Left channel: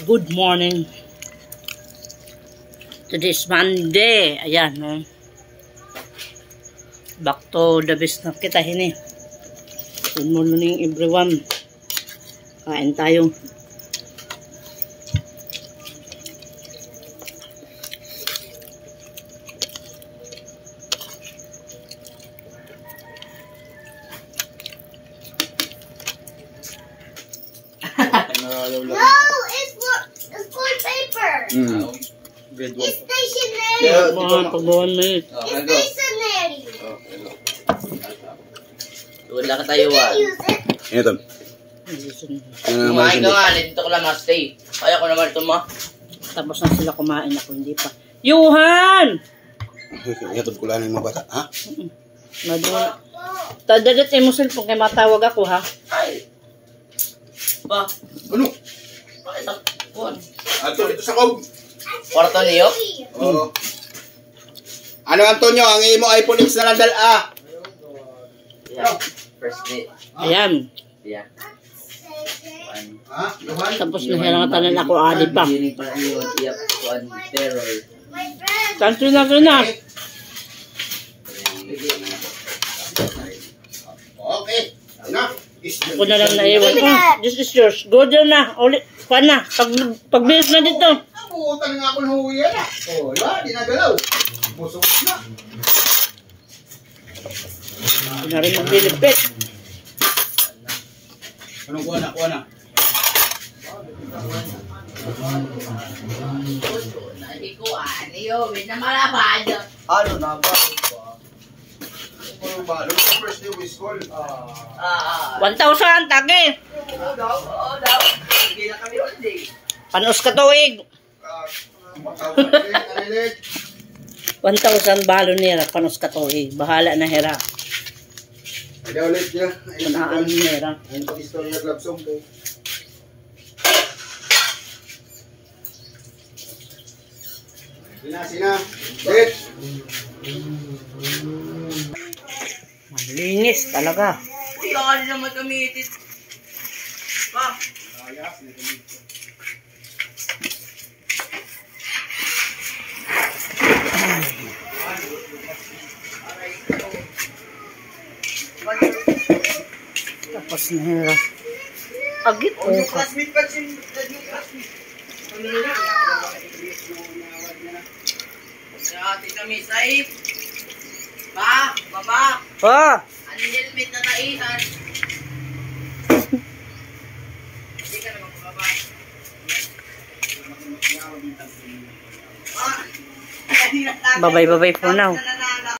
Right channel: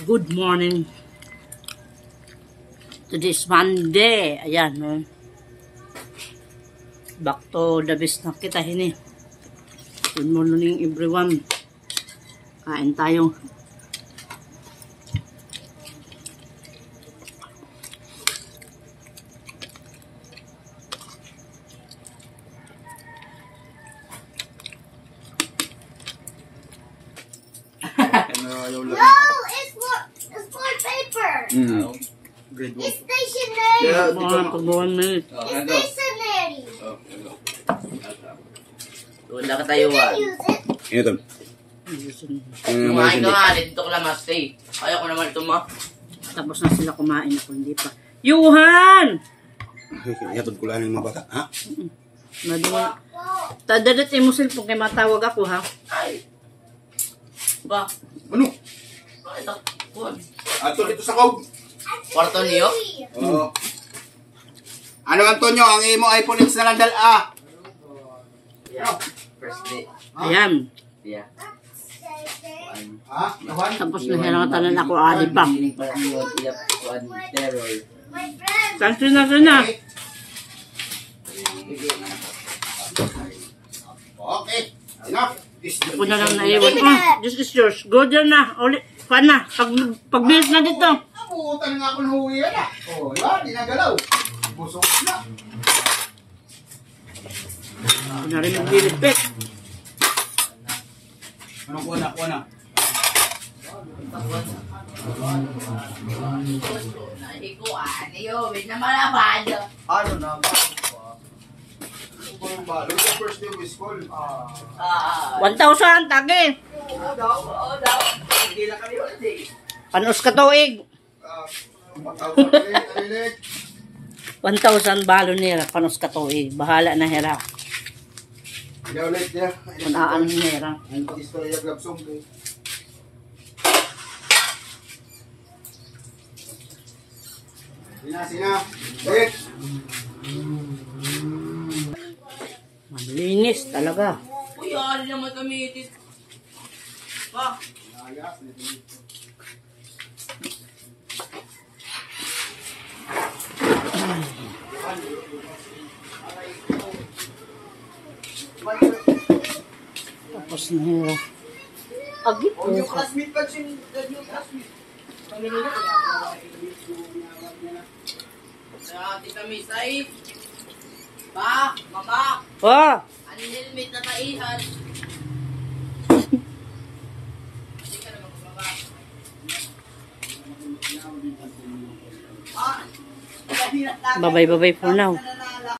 Good morning. Today is Monday. Ayan, no? Back to the business kita hini. Good morning everyone. Kain tayo. No, it's for paper. Grade 1. It's stationary. Yeah, It's stationary. Wala ka tayo You can use it. Ito. Kumain ka nga, dito ko lang ma-stay. Kaya ko naman ito ma. Tapos na sila kumain, ako hindi pa. Yuhan! Ito ko lang yung mga bata, ha? Madunga. Tadadat mo cellphone kay matawag ako, ha? Ay! Ba? Ano? Bakit ang kuhan? Ato dito sa kog. Kwarto niyo? Oo. Ano, Antonio? Ang imo iPhone X na nandal, ah? Yeah. First day. Ayan. Yeah. Ha? Luhan? Tapos nahirangatan na ako, ali pa. Hindi pa niyo tiyak kuhan terror. My friend. Kanto na ka na. Okay. Ano? Ako na lang naiwan. Oh, this is yours. Go down na. Ulit. Pa na. Pagbilis na dito. Nabutan nga ako ng huwi yan, ah. Oh, yan. Dinagalaw. Busog na. Hindi na rin maglilipit. Anong kuha na? Kuha na. Nahikuan niyo, wait na malabad. Ano na ba? Ano sa first day of school? 1,000, tagi. Oo daw. Hindi na kami holiday. Panos ka tuig. 1,000 balo nila. Panos ka tuig. Bahala na hira. Hindi ulit niya. Manaan nila. Ang pag-istorya glabsong ko. Sina. Wait. Malinis talaga. Uy, ano naman kami itit. Pa. Tapos na hira. Agit ko. Yung classmate pa yung classmate. Kaya ati kami safe. Ba, baba. Pa! Ang helmet na taihan. Hindi ka naman baba. Babay for now.